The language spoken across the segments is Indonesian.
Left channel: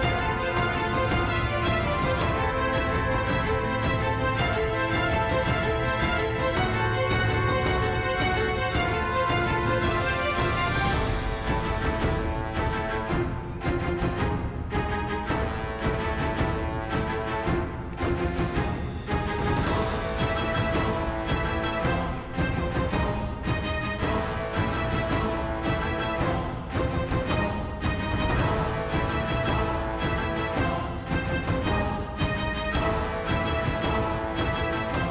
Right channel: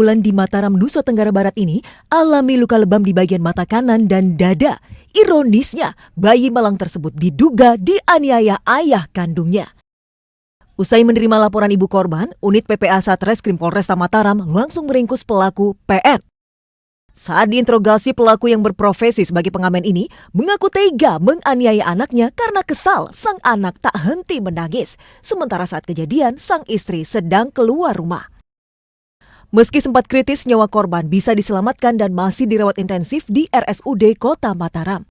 bulan di Mataram, Nusa Tenggara Barat ini alami luka lebam di bagian mata kanan dan dada. Ironisnya, bayi malang tersebut diduga dianiaya ayah kandungnya. Usai menerima laporan ibu korban, unit PPA Satreskrim Polresta Mataram langsung meringkus pelaku PR. Saat diinterogasi, pelaku yang berprofesi sebagai pengamen ini mengaku tega menganiaya anaknya karena kesal sang anak tak henti menangis. Sementara saat kejadian, sang istri sedang keluar rumah. Meski sempat kritis, nyawa korban bisa diselamatkan dan masih dirawat intensif di RSUD Kota Mataram.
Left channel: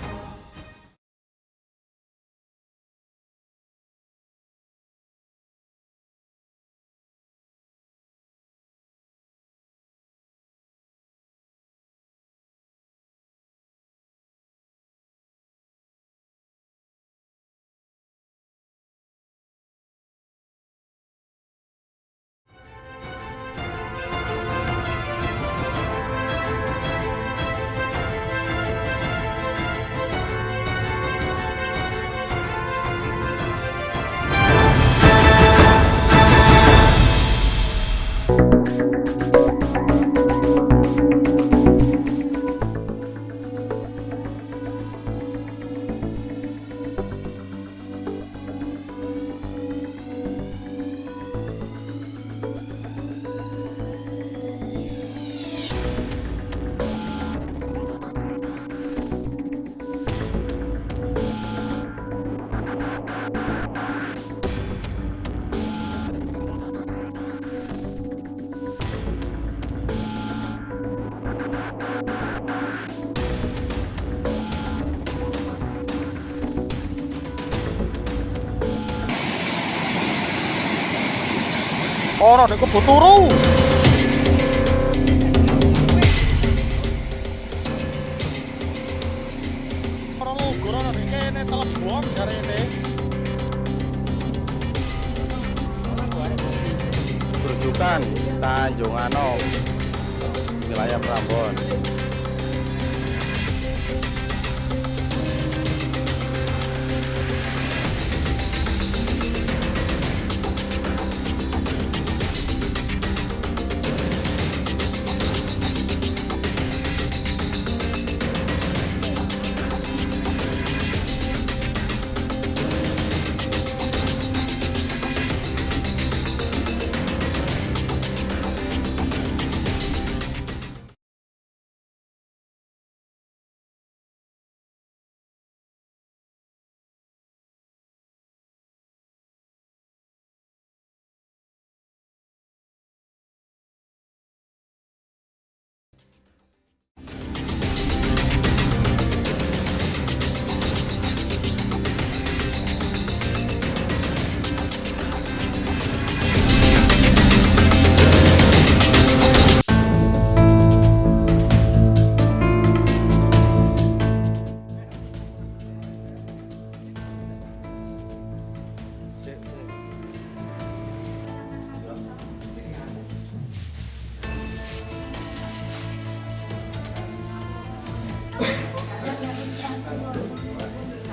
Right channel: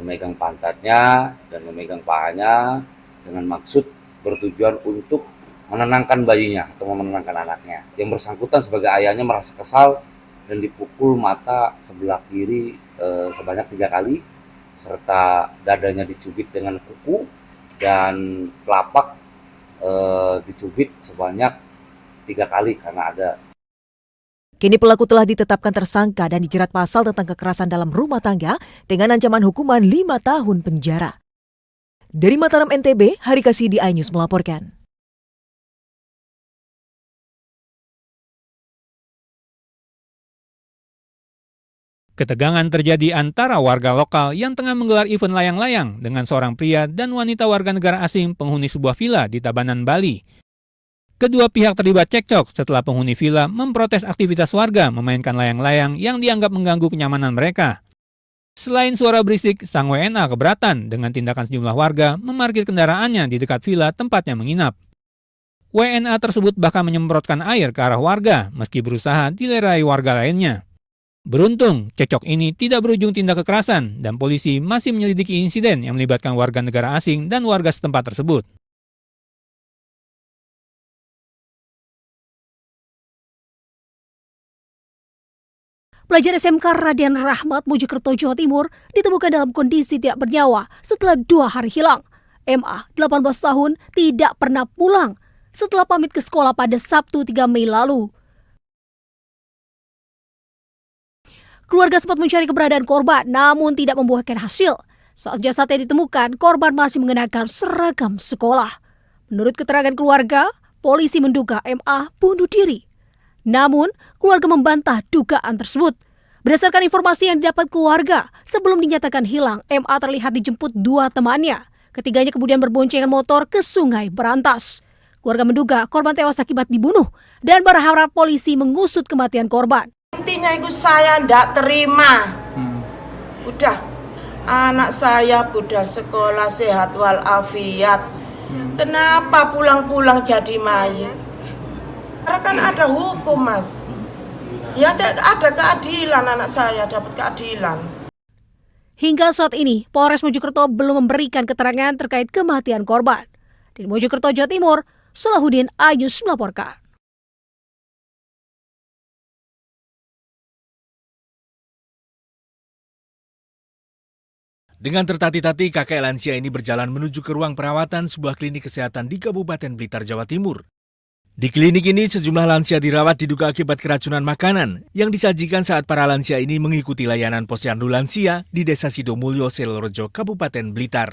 Memegang pantatnya dan memegang pahanya dengan maksud bertujuan untuk menenangkan bayinya atau menenangkan anaknya. Yang bersangkutan sebagai ayahnya merasa kesal dan dipukul mata sebelah kiri sebanyak 3 kali, serta dadanya dicubit dengan kuku dan telapak dicubit sebanyak 3 kali karena ada. Kini pelaku telah ditetapkan tersangka dan dijerat pasal tentang kekerasan dalam rumah tangga dengan ancaman hukuman 5 tahun penjara. Dari Mataram, NTB, Hari Kasih di iNews melaporkan. Ketegangan terjadi antara warga lokal yang tengah menggelar event layang-layang dengan seorang pria dan wanita warga negara asing penghuni sebuah villa di Tabanan, Bali. Kedua pihak terlibat cekcok setelah penghuni villa memprotes aktivitas warga memainkan layang-layang yang dianggap mengganggu kenyamanan mereka. Selain suara berisik, sang WNA keberatan dengan tindakan sejumlah warga memarkir kendaraannya di dekat villa tempatnya menginap. WNA tersebut bahkan menyemprotkan air ke arah warga meski berusaha dilerai warga lainnya. Beruntung, cekcok ini tidak berujung tindak kekerasan dan polisi masih menyelidiki insiden yang melibatkan warga negara asing dan warga setempat tersebut. Pelajar SMK Radian Rahmat, Mojokerto, Jawa Timur ditemukan dalam kondisi tidak bernyawa setelah 2 hari hilang. MA, 18 tahun, tidak pernah pulang setelah pamit ke sekolah pada Sabtu 3 Mei lalu. Keluarga sempat mencari keberadaan korban, namun tidak membuahkan hasil. Saat jasadnya ditemukan, korban masih mengenakan seragam sekolah. Menurut keterangan keluarga, polisi menduga MA bunuh diri. Namun, keluarga membantah dugaan tersebut. Berdasarkan informasi yang didapat keluarga, sebelum dinyatakan hilang, MA terlihat dijemput 2 temannya. Ketiganya kemudian berboncengan motor ke Sungai Berantas. Keluarga menduga korban tewas akibat dibunuh dan berharap polisi mengusut kematian korban. Intinya itu saya tidak terima. Udah, anak saya budal sekolah sehat walafiat. Kenapa pulang-pulang jadi mayat? Karena kan ada hukum, Mas. Ya ada keadilan, anak saya dapat keadilan. Hingga saat ini, Polres Mojokerto belum memberikan keterangan terkait kematian korban. Di Mojokerto, Jawa Timur, Salahuddin Ayus melaporkan. Dengan tertati-tati, kakek lansia ini berjalan menuju ke ruang perawatan sebuah klinik kesehatan di Kabupaten Blitar, Jawa Timur. Di klinik ini, sejumlah lansia dirawat diduga akibat keracunan makanan yang disajikan saat para lansia ini mengikuti layanan posyandu lansia di Desa Sidomulyo, Selorojo, Kabupaten Blitar.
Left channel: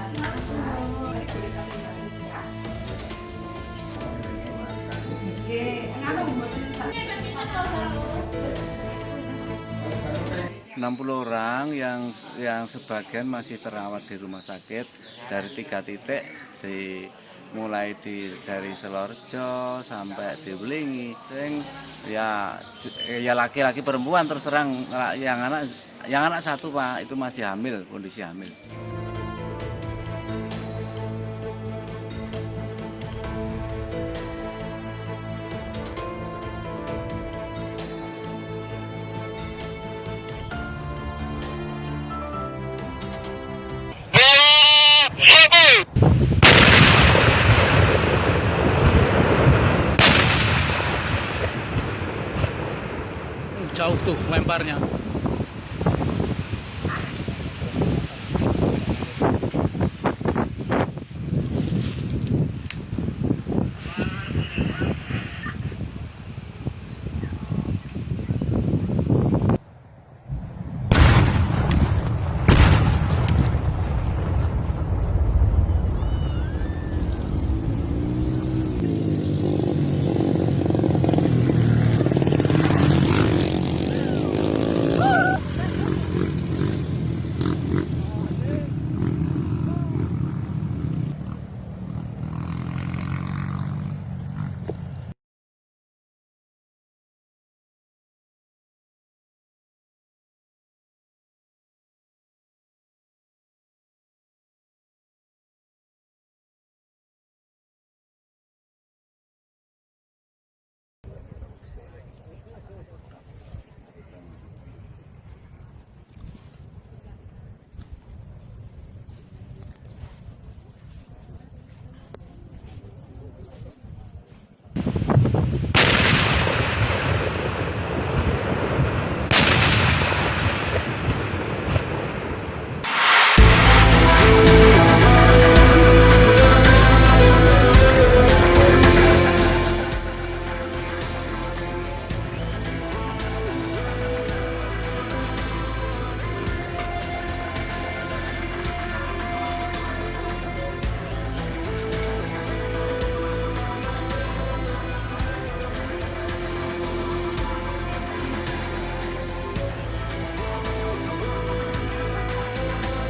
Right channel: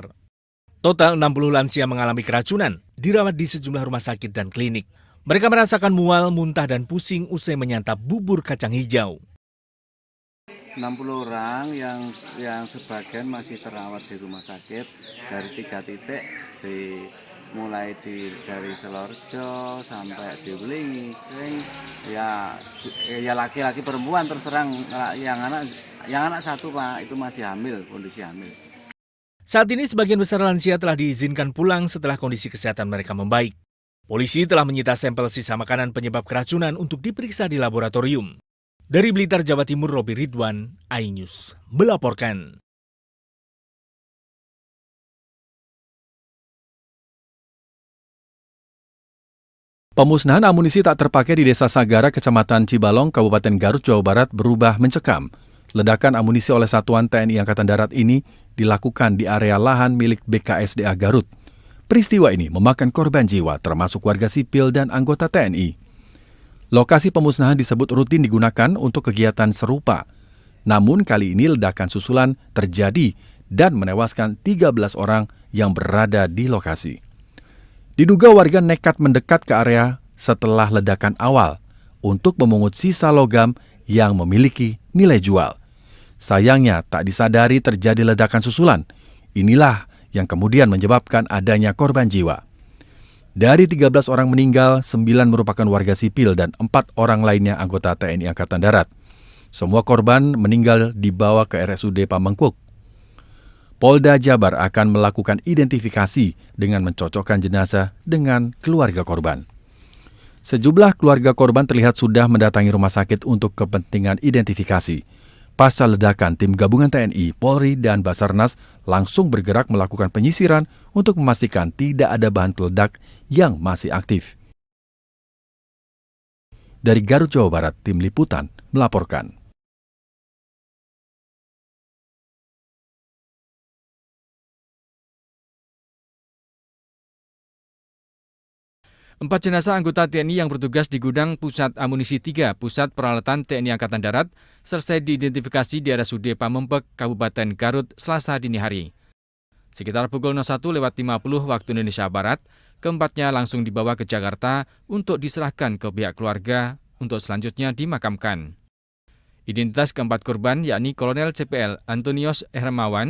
Total 60 lansia mengalami keracunan, dirawat di sejumlah rumah sakit dan klinik. Mereka merasakan mual, muntah, dan pusing usai menyantap bubur kacang hijau. 60 orang yang sebagian masih terawat di rumah sakit dari 3 titik, mulai dari Selorjo sampai di Belingi. Ya laki-laki perempuan terserang, yang anak 1 Pak itu masih hamil, kondisi hamil. Saat ini sebagian besar lansia telah diizinkan pulang setelah kondisi kesehatan mereka membaik. Polisi telah menyita sampel sisa makanan penyebab keracunan untuk diperiksa di laboratorium. Dari Blitar, Jawa Timur, Robi Ridwan, iNews melaporkan. Pemusnahan amunisi tak terpakai di Desa Sagara, Kecamatan Cibalong, Kabupaten Garut, Jawa Barat berubah mencekam. Ledakan amunisi oleh Satuan TNI Angkatan Darat ini dilakukan di area lahan milik BKSDA Garut. Peristiwa ini memakan korban jiwa termasuk warga sipil dan anggota TNI. Lokasi pemusnahan disebut rutin digunakan untuk kegiatan serupa. Namun kali ini ledakan susulan terjadi dan menewaskan 13 orang yang berada di lokasi. Diduga warga nekat mendekat ke area setelah ledakan awal. untuk memungut sisa logam yang memiliki nilai jual. Sayangnya tak disadari terjadi ledakan susulan. Inilah yang kemudian menyebabkan adanya korban jiwa. Dari 13 orang meninggal, 9 merupakan warga sipil dan 4 orang lainnya anggota TNI Angkatan Darat. Semua korban meninggal dibawa ke RSUD Pamengpeuk. Polda Jabar akan melakukan identifikasi dengan mencocokkan jenazah dengan keluarga korban. Sejumlah keluarga korban terlihat sudah mendatangi rumah sakit untuk kepentingan identifikasi. Pasca ledakan, tim gabungan TNI, Polri, dan Basarnas langsung bergerak melakukan penyisiran untuk memastikan tidak ada bahan peledak yang masih aktif. Dari Garut, Jawa Barat, tim liputan melaporkan. Jenazah anggota TNI yang bertugas di gudang Pusat Amunisi 3, Pusat Peralatan TNI Angkatan Darat, selesai diidentifikasi di RSUD Pamengpeuk, Kabupaten Garut, Selasa dini hari. Sekitar pukul 01.50 waktu Indonesia Barat, keempatnya langsung dibawa ke Jakarta untuk diserahkan ke pihak keluarga untuk selanjutnya dimakamkan. Identitas keempat korban yakni Kolonel CPL Antonius Hermawan,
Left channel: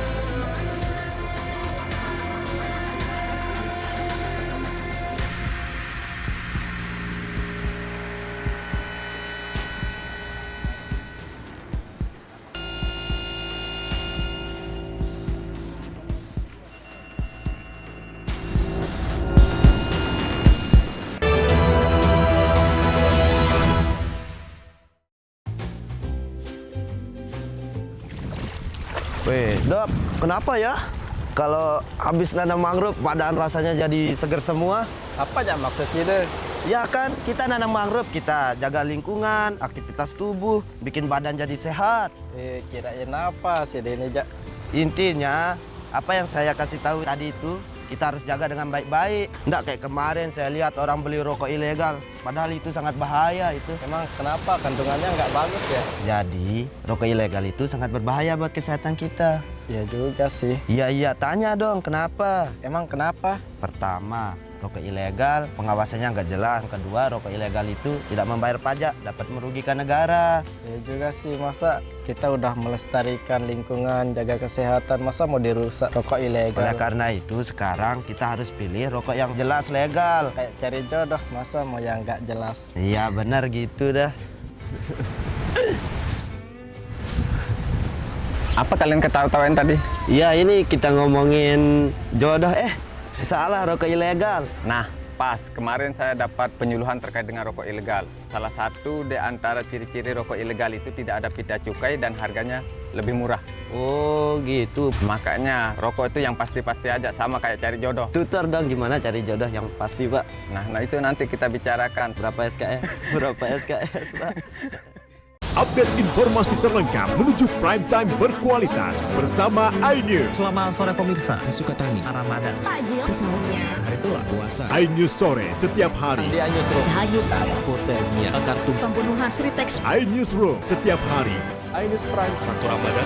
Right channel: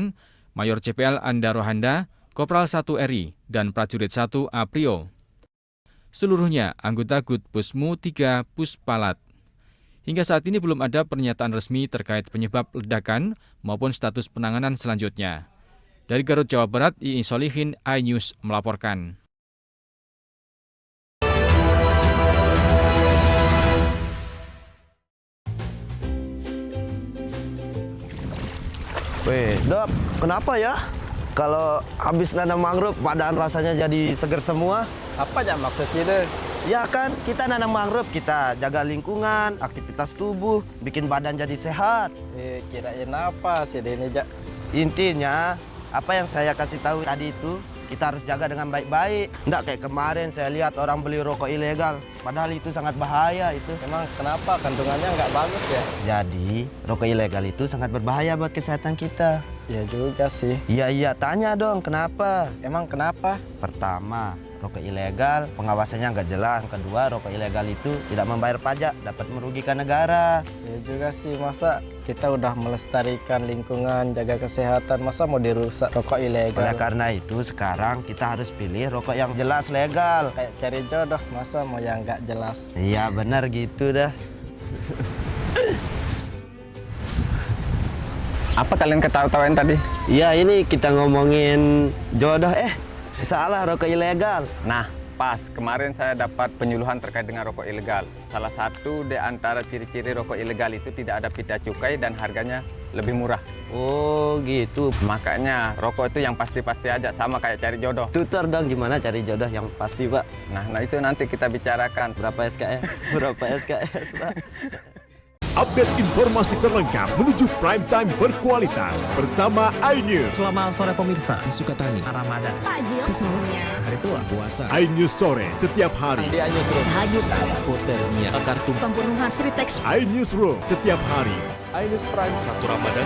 Mayor CPL Anda Rohanda, Kopral 1 RI, dan Prajurit 1 Aprio. Seluruhnya anggota Grup Pusmu 3 Puspalat. Hingga saat ini belum ada pernyataan resmi terkait penyebab ledakan maupun status penanganan selanjutnya. Dari Garut, Jawa Barat, Ii Solihin, iNews melaporkan. Weh, Dok, kenapa ya? Kalau habis nanam mangrove, badan rasanya jadi seger semua. Apa aja maksudnya? Ya kan, kita nanam mangrove, kita jaga lingkungan, aktivitas tubuh, bikin badan jadi sehat. Kirain apa sih ini, Jak? Intinya, apa yang saya kasih tahu tadi itu, kita harus jaga dengan baik-baik. Nggak kayak kemarin saya lihat orang beli rokok ilegal, padahal itu sangat bahaya itu. Emang kenapa? Kandungannya nggak bagus ya? Jadi, rokok ilegal itu sangat berbahaya buat kesehatan kita. Ya juga sih. Iya, tanya dong, kenapa? Emang kenapa? Pertama, rokok ilegal, pengawasannya nggak jelas. Kedua, rokok ilegal itu tidak membayar pajak, dapat merugikan negara. Ya juga sih, masa kita udah melestarikan lingkungan, jaga kesehatan, masa mau dirusak rokok ilegal? Oleh karena itu, sekarang kita harus pilih rokok yang jelas legal. Kayak cari jodoh, masa mau yang nggak jelas? Iya, benar gitu dah. Apa kalian ketawa-tawain tadi? Iya, ini kita ngomongin jodoh. Salah, rokok ilegal. Nah, pas kemarin saya dapat penyuluhan terkait dengan rokok ilegal. Salah satu di antara ciri-ciri rokok ilegal itu tidak ada pita cukai dan harganya lebih murah. Oh, gitu. Makanya rokok itu yang pasti-pasti aja, sama kayak cari jodoh. Tutor dong gimana cari jodoh yang pasti, Pak. Nah itu nanti kita bicarakan. Berapa SKS? Berapa SKS, Pak? Update informasi terlengkap menuju prime time berkualitas bersama iNews. Selamat sore pemirsa, Sukatani, Ramadan, Takjil, sahurnya, hari tua, puasa. iNews sore setiap hari. Di iNewsroom, hanyut, hipotermia, kartu, pembunuhan, Sritex, iNewsroom setiap hari. iNews Prime, 1 Ramadan,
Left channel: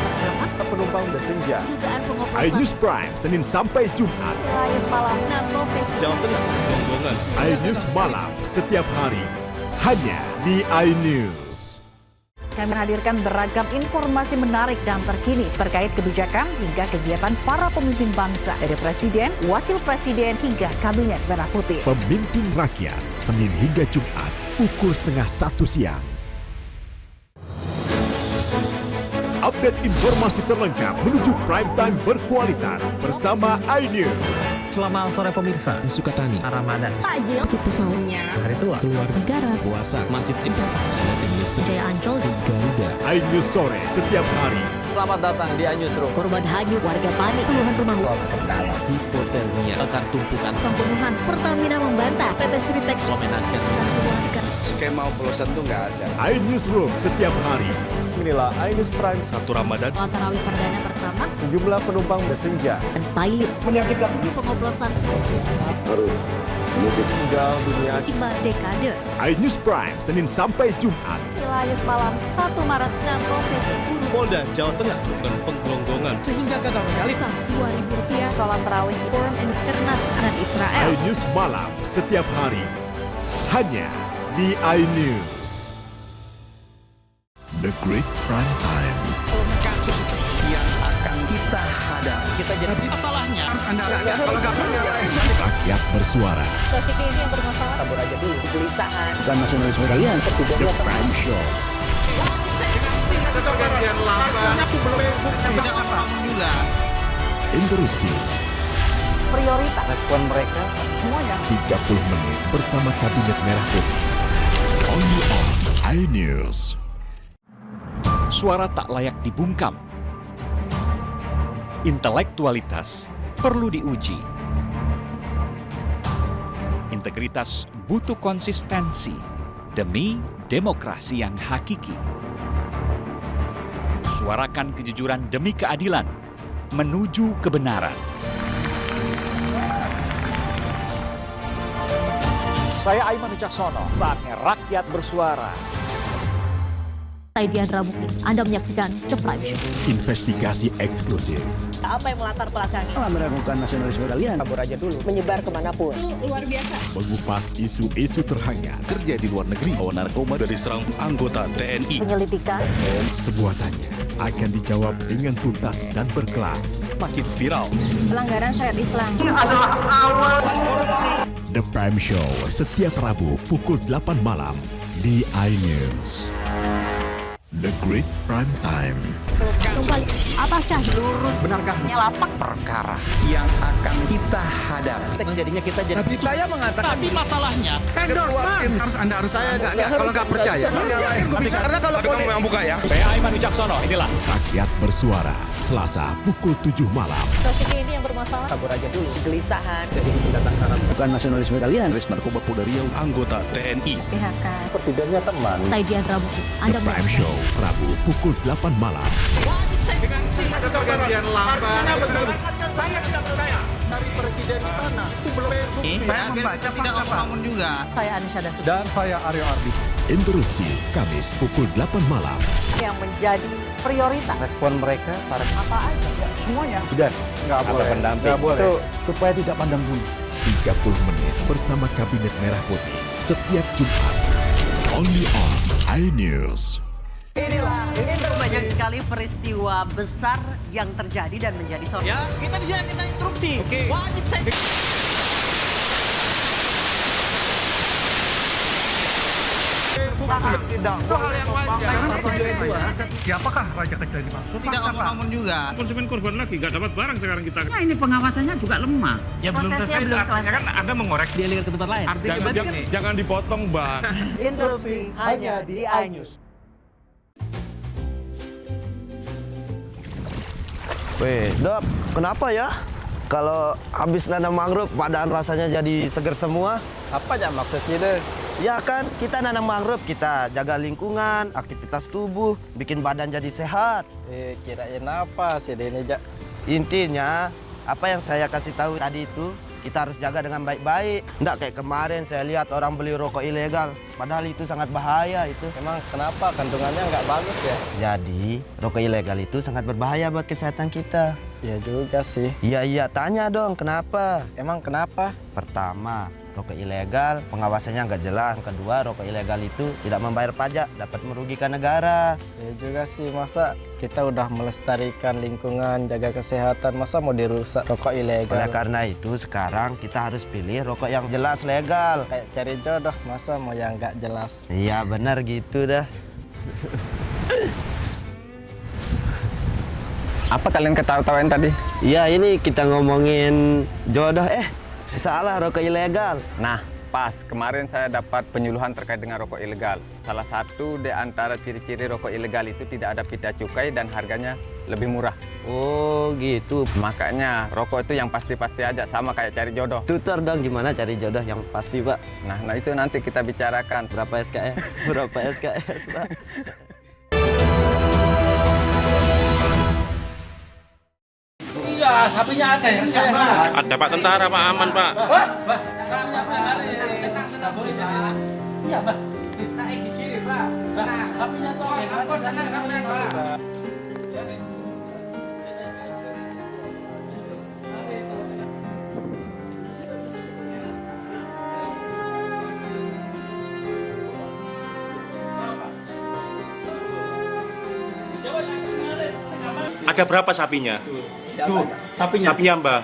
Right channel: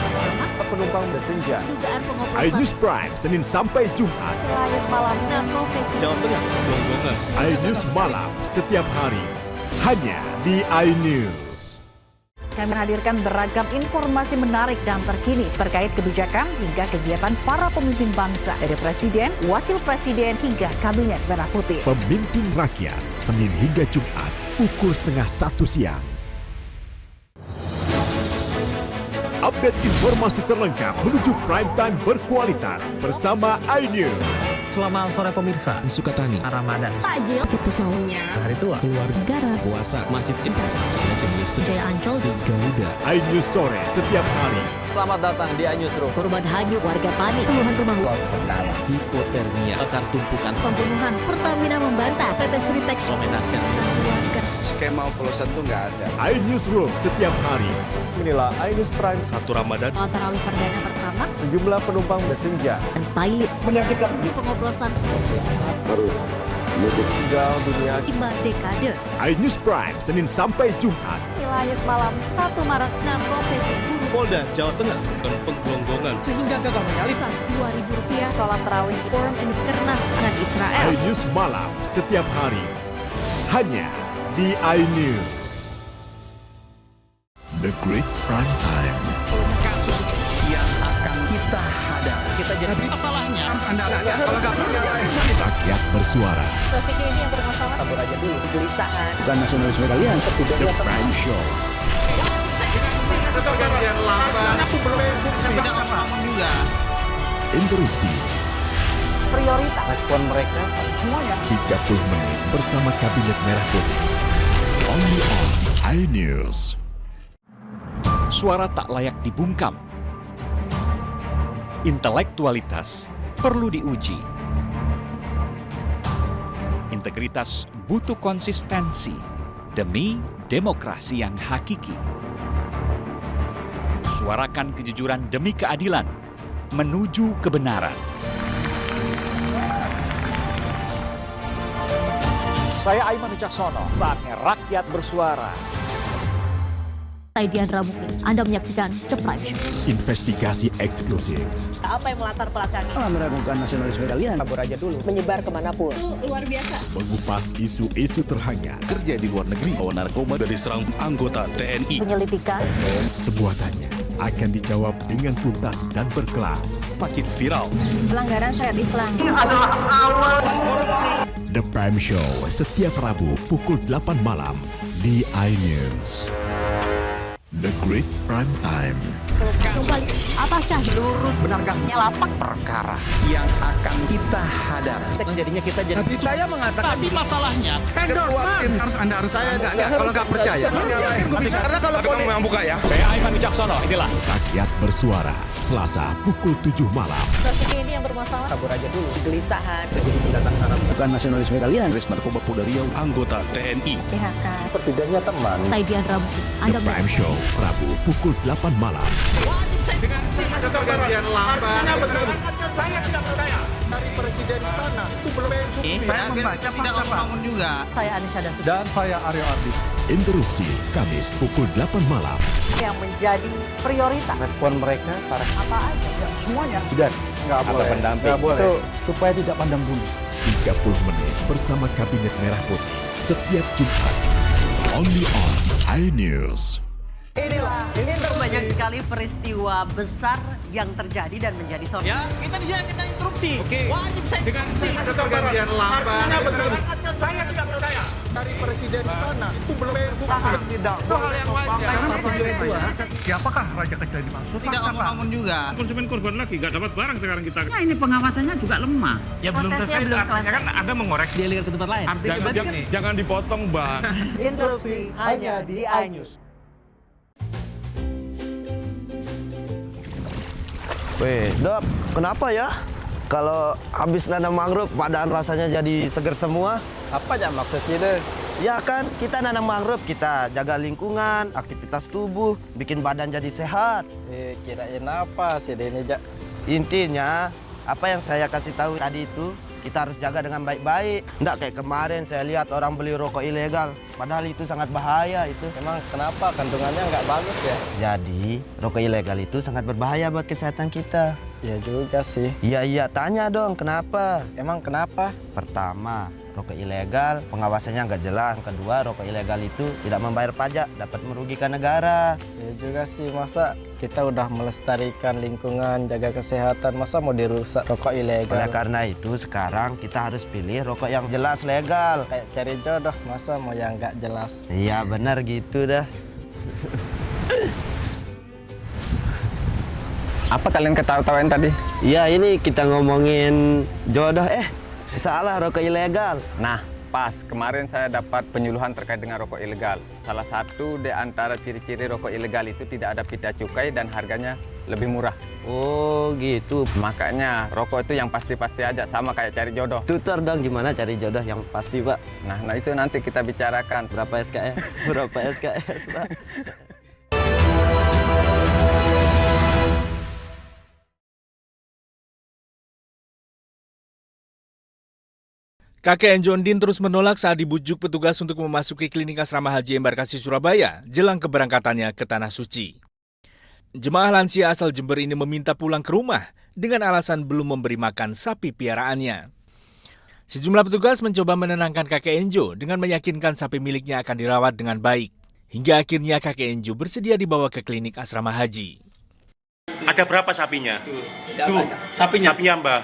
penumpang bersenja. dugaan pengoplosan, iNews Prime Senin sampai Jumat. Ilayus Malam, 6 profesi, Jawa Tengah, Gonggongan. iNews malam setiap hari hanya di iNews. Kami menghadirkan beragam informasi menarik dan terkini terkait kebijakan hingga kegiatan para pemimpin bangsa dari Presiden, Wakil Presiden hingga Kabinet Merah Putih. Pemimpin Rakyat, Senin hingga Jumat, pukul 12:30 siang. Update informasi terlengkap menuju prime time berkualitas bersama iNews. Selamat sore pemirsa, Sukatani, Ramadan, takjil, sahurnya, hari tua, keluarga, negara, puasa, masjid, silating listrik, Jaya Ancol, di Garuda. iNews sore setiap hari. Selamat datang di iNewsroom. Korban hanyut, warga panik, puluhan rumah Hipotermia, akar tumpukan, pembunuhan, Pertamina membantah, PT Sritex, memenangkan, dan keluarga. Skema oplosan tuh nggak ada. iNewsroom setiap hari. Inilah iNews Prime, 1 Ramadan, Sholat tarawih perdana pertama, sejumlah penumpang bersenja, dan pilot. menyakitkan, pengoplosan, tinggal dunia 5 dekade. iNews Prime Senin sampai Jumat. Ilayus Malam 1 Maret 6 profesi guru. Polda Jawa Tengah, dan penggelonggongan, sehingga gagal menyalip. Rp2.000. Sholat tarawih Forum Kernas Anak Israel. iNews malam setiap hari hanya di iNews. The Great Prime Time. Kasus yang akan kita hadapi. Kita jadi masalahnya harus Anda kalau nggak percaya. Rakyat bersuara. Traffic ini yang bermasalah. Kabur aja dulu. Kegelisahan. Bukan nasionalisme kalian. The Prime Show. Pergantian lama. Aku belum bukti. Tidak ngomong juga. Interupsi. Prioritas. Respon mereka semuanya. 30 menit bersama Kabinet Merah Putih. Only on iNews. Suara tak layak dibungkam. Intelektualitas perlu diuji. Integritas butuh konsistensi demi demokrasi yang hakiki. Suarakan kejujuran demi keadilan menuju kebenaran. Saya Aiman Wicaksono, saatnya rakyat bersuara. Saya Diandra Mukti, Anda menyaksikan The Prime Show. Investigasi eksklusif. Apa yang melatar belakangi? Meragukan nasionalisme kalian. Kabur aja dulu. Menyebar kemanapun. Itu luar biasa. Mengupas isu-isu terhangat. Kerja di luar negeri, bawa narkoba dari serang anggota TNI. Penyelidikan. Semua tanya akan dijawab dengan tuntas dan berkelas. Makin viral. Pelanggaran syariat Islam. The Prime Show setiap Rabu pukul 8 malam di iNews. The Great Prime Time. Kembali, apakah lurus Benarkah lapak perkara yang akan kita hadapi? Jadinya kita jadi. Saya mengatakan. Tapi masalahnya endorsement harus Anda harus saya kalau nggak percaya. Karena kalau memang buka ya. Saya Aiman Wicaksono, inilah Rakyat bersuara Selasa pukul 7 malam. traffic ini yang bermasalah? Kabur aja dulu. Kegelisahan. Jadi pendatang Arab. Bukan nasionalisme kalian. Res narkoba Polda Riau, anggota TNI. PHK. Presidennya teman. Saya Diandra Mukti, Anda The Prime Show Rabu pukul 8 malam. Ada pergantian lama. Saya tidak percaya. Dari presiden di sana itu belum bukti. Saya membaca tidak ngomong juga. Saya Anisha Dasud. Dan saya Aryo Ardi. Interupsi Kamis pukul 8 malam. Yang menjadi prioritas. Respon mereka para Apa aja? Semuanya. sudah nggak boleh. Nggak boleh. Itu supaya tidak pandang bulu. 30 menit bersama Kabinet Merah Putih setiap Jumat. Only on iNews. Inilah itu banyak sekali peristiwa besar yang terjadi dan menjadi sorotan. Ya, kita di sini kita interupsi. Oke. Wajib saya. Ada pergantian lama. Tidak. Itu hal yang wajar. Siapakah raja kecil yang dimaksud? Tidak ngomong juga. Konsumen korban lagi, nggak dapat barang sekarang kita. Ya, ini pengawasannya juga lemah. Ya Prosesnya belum selesai. kan Anda mengoreksi. Dia lihat ke tempat lain. Jangan dipotong, Bang. Interupsi hanya di iNews. Weh, Dok, kenapa ya? Kalau habis nanam mangrove, badan rasanya jadi seger semua. Apa aja maksudnya? Ya kan, kita nanam mangrove, kita jaga lingkungan, aktivitas tubuh, bikin badan jadi sehat. Kirain apa sih ini, Jak? Intinya, apa yang saya kasih tahu tadi itu, kita harus jaga dengan baik-baik. Nggak kayak kemarin saya lihat orang beli rokok ilegal, padahal itu sangat bahaya itu. Emang kenapa kandungannya nggak bagus ya? Jadi, rokok ilegal itu sangat berbahaya buat kesehatan kita. Ya juga sih. Iya, tanya dong, kenapa? Emang kenapa? Pertama, rokok ilegal, pengawasannya nggak jelas. Kedua, rokok ilegal itu tidak membayar pajak, dapat merugikan negara. Ya juga sih, masa kita udah melestarikan lingkungan, jaga kesehatan, masa mau dirusak rokok ilegal? Oleh karena itu, sekarang kita harus pilih rokok yang jelas legal. Kayak cari jodoh, masa mau yang nggak jelas? Iya, benar gitu dah. Apa kalian ketawa-tawain tadi? Iya, ini kita ngomongin jodoh. Salah, rokok ilegal. Nah, pas. Kemarin saya dapat penyuluhan terkait dengan rokok ilegal. Salah satu di antara ciri-ciri rokok ilegal itu tidak ada pita cukai dan harganya lebih murah. Oh, gitu. Makanya rokok itu yang pasti-pasti aja, sama kayak cari jodoh. Tutor dong gimana cari jodoh yang pasti, Pak. Nah itu nanti kita bicarakan. Berapa SKS? Berapa SKS, Pak? Sapinya ada ya? Ada Pak Tentara, Pak Aman, Pak. Kakek Enjondin terus menolak saat dibujuk petugas untuk memasuki klinik asrama haji embarkasi Surabaya jelang keberangkatannya ke Tanah Suci. Jemaah lansia asal Jember ini meminta pulang ke rumah dengan alasan belum memberi makan sapi piaraannya. Sejumlah petugas mencoba menenangkan kakek Enjo dengan meyakinkan sapi miliknya akan dirawat dengan baik. Hingga akhirnya kakek Enju bersedia dibawa ke klinik asrama haji. Ada berapa sapinya? Tuh, Sapinya Mbak.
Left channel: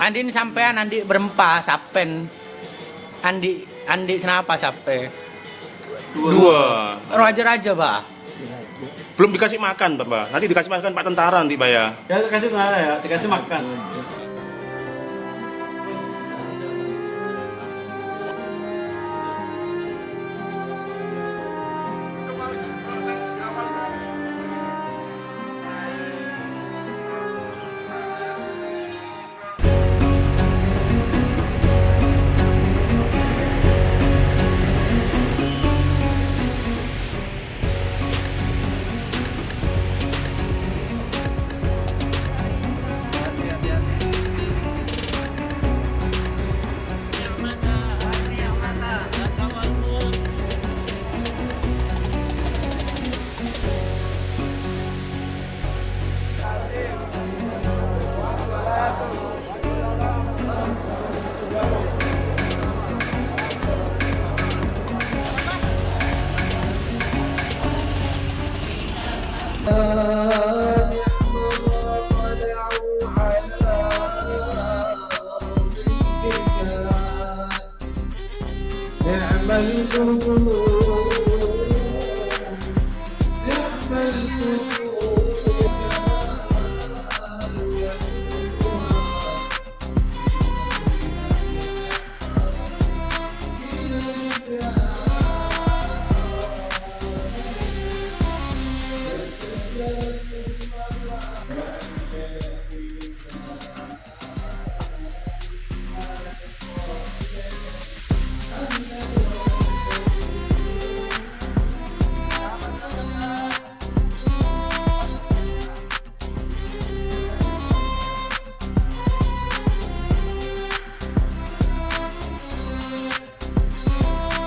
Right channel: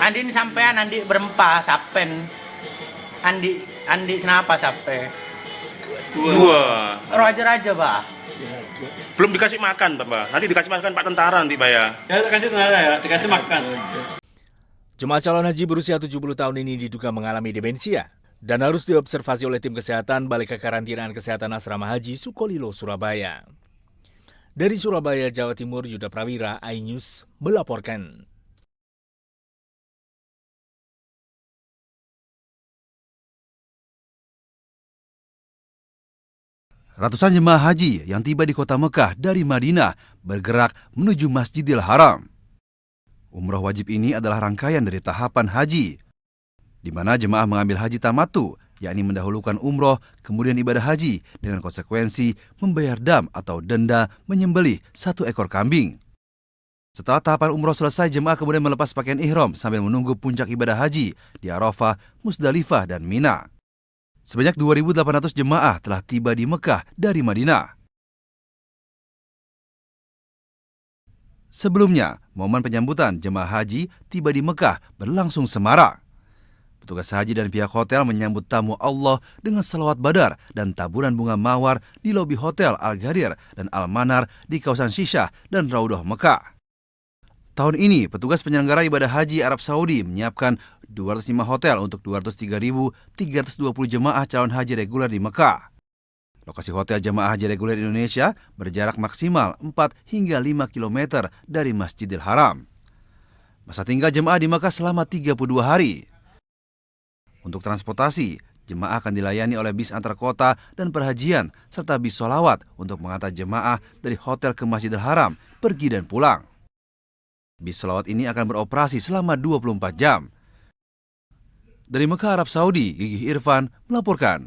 Andin sampean Andi berempat sapen. Andi kenapa sape? Dua. Raja-raja, Pak. Belum dikasih makan, Mbak. Nanti dikasih makan Pak Tentara nanti, Mbak ya. Ya, dikasih tentara ya, dikasih makan. Jemaah calon haji berusia 70 tahun ini diduga mengalami demensia dan harus diobservasi oleh tim kesehatan Balai Kekarantinaan Kesehatan Asrama Haji Sukolilo, Surabaya. Dari Surabaya, Jawa Timur, Yuda Prawira, iNews melaporkan. Ratusan jemaah haji yang tiba di kota Mekah dari Madinah bergerak menuju Masjidil Haram. Umrah wajib ini adalah rangkaian dari tahapan haji, di mana jemaah mengambil haji tamattu, yakni mendahulukan umroh, kemudian ibadah haji dengan konsekuensi membayar dam atau denda menyembelih 1 ekor kambing. Setelah tahapan umroh selesai, jemaah kemudian melepas pakaian ihram sambil menunggu puncak ibadah haji di Arafah, Musdalifah, dan Mina. Sebanyak 2.800 jemaah telah tiba di Mekah dari Madinah. Sebelumnya, momen penyambutan jemaah haji tiba di Mekah berlangsung semarak. Petugas haji dan pihak hotel menyambut tamu Allah dengan selawat badar dan taburan bunga mawar di lobi hotel Al-Ghadir dan Al-Manar di kawasan Shisha dan Raudah Mekah. Tahun ini, petugas penyelenggara ibadah haji Arab Saudi menyiapkan 205 hotel untuk 203.320 jemaah calon haji reguler di Mekah. Lokasi hotel jemaah haji reguler di Indonesia berjarak maksimal 4 hingga 5 km dari Masjidil Haram. Masa tinggal jemaah di Mekah selama 32 hari. Untuk transportasi, jemaah akan dilayani oleh bis antar kota dan perhajian serta bis sholawat untuk mengantar jemaah dari hotel ke Masjidil Haram, pergi dan pulang. Bis sholawat ini akan beroperasi selama 24 jam. Dari Mekah, Arab Saudi, Gigi Irfan melaporkan.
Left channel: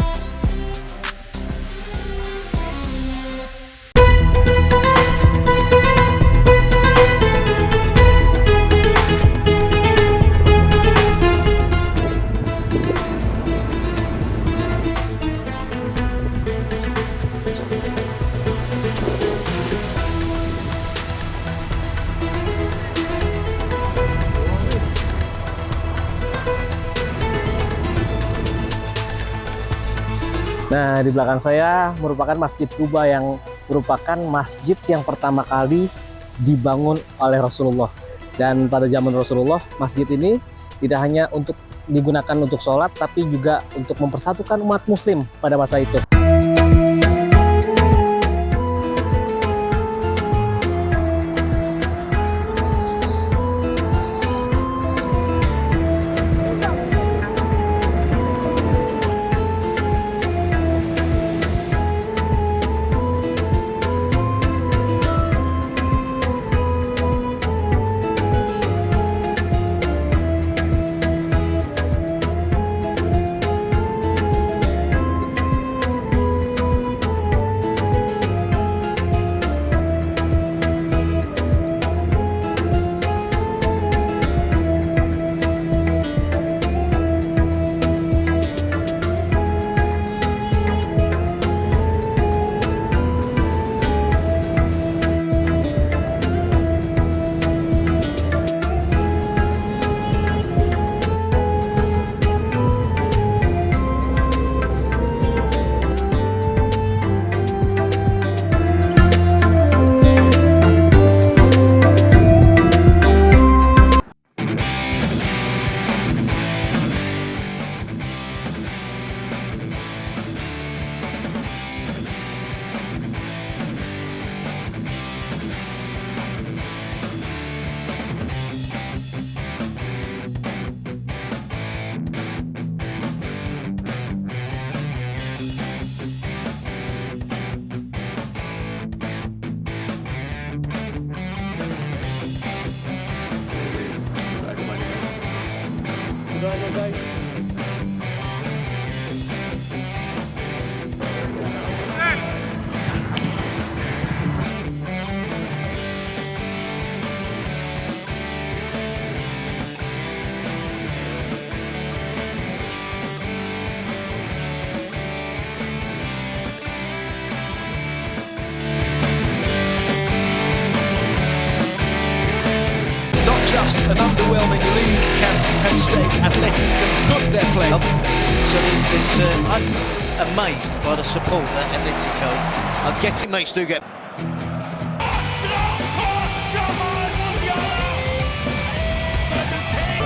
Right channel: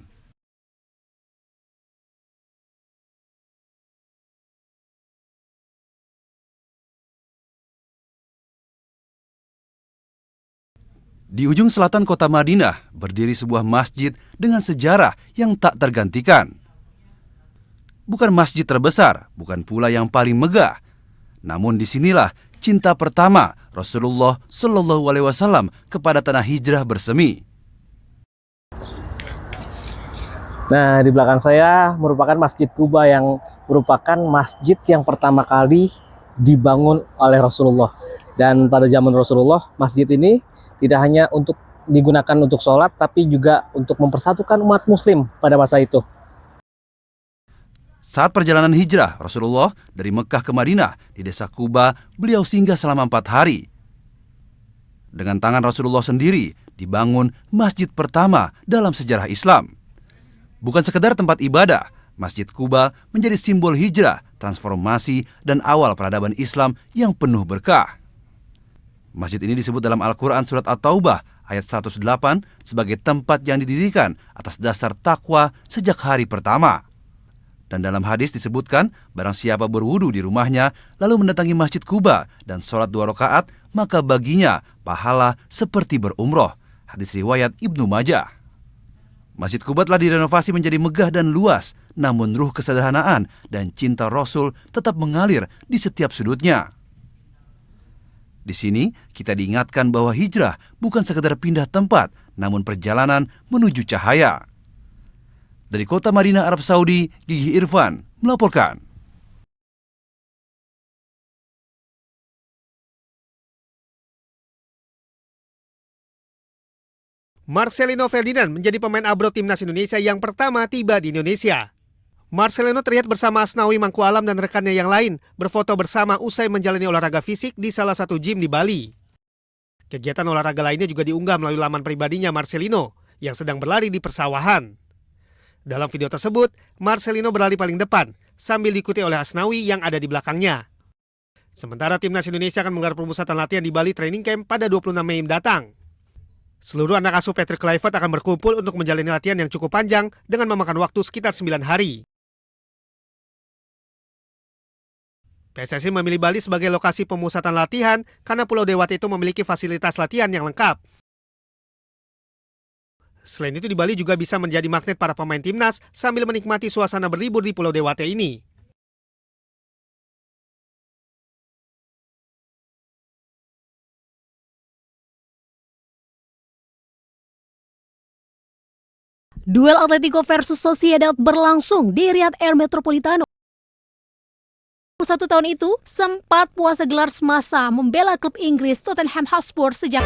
Di ujung selatan kota Madinah berdiri sebuah masjid dengan sejarah yang tak tergantikan. Bukan masjid terbesar, bukan pula yang paling megah. Namun disinilah cinta pertama Rasulullah Shallallahu Alaihi Wasallam kepada tanah hijrah bersemi. Nah, di belakang saya merupakan Masjid Quba yang merupakan masjid yang pertama kali dibangun oleh Rasulullah. Dan pada zaman Rasulullah, masjid ini tidak hanya untuk digunakan untuk sholat, tapi juga untuk mempersatukan umat muslim pada masa itu. Saat perjalanan hijrah Rasulullah dari Mekah ke Madinah, desa Quba, beliau singgah selama 4 hari. Dengan tangan Rasulullah sendiri dibangun masjid pertama dalam sejarah Islam. Bukan sekedar tempat ibadah, Masjid Quba menjadi simbol hijrah, transformasi, dan awal peradaban Islam yang penuh berkah. Masjid ini disebut dalam Al-Quran Surat At-Taubah ayat 108 sebagai tempat yang didirikan atas dasar takwa sejak hari pertama. Dan dalam hadis disebutkan, barang siapa berwudu di rumahnya lalu mendatangi Masjid Quba dan sholat 2 rakaat, maka baginya pahala seperti berumroh. Hadis riwayat Ibnu Majah. Masjid Quba telah direnovasi menjadi megah dan luas, namun ruh kesederhanaan dan cinta Rasul tetap mengalir di setiap sudutnya. Di sini kita diingatkan bahwa hijrah bukan sekedar pindah tempat, namun perjalanan menuju cahaya. Dari kota Madinah, Arab Saudi, Gigi Irfan melaporkan. Marcelino Ferdinand menjadi pemain ABRO Timnas Indonesia yang pertama tiba di Indonesia. Marcelino terlihat bersama Asnawi Mangkualam dan rekannya yang lain berfoto bersama usai menjalani olahraga fisik di salah satu gym di Bali. Kegiatan olahraga lainnya juga diunggah melalui laman pribadinya Marcelino yang sedang berlari di persawahan. Dalam video tersebut, Marcelino berlari paling depan sambil diikuti oleh Asnawi yang ada di belakangnya. Sementara Timnas Indonesia akan menggelar pemusatan latihan di Bali Training Camp pada 26 Mei mendatang. Seluruh anak asuh Patrick Kluivert akan berkumpul untuk menjalani latihan yang cukup panjang dengan memakan waktu sekitar 9 hari. PSSI memilih Bali sebagai lokasi pemusatan latihan karena Pulau Dewata itu memiliki fasilitas latihan yang lengkap. Selain itu di Bali juga bisa menjadi magnet para pemain timnas sambil menikmati suasana berlibur di Pulau Dewata ini. Not just an underwhelming league at stake. Athletic can put their play up. Duel Atletico versus Sociedad berlangsung di Riyadh El Metropolitano. 1 tahun itu, sempat puasa gelar semasa membela klub Inggris Tottenham Hotspur sejak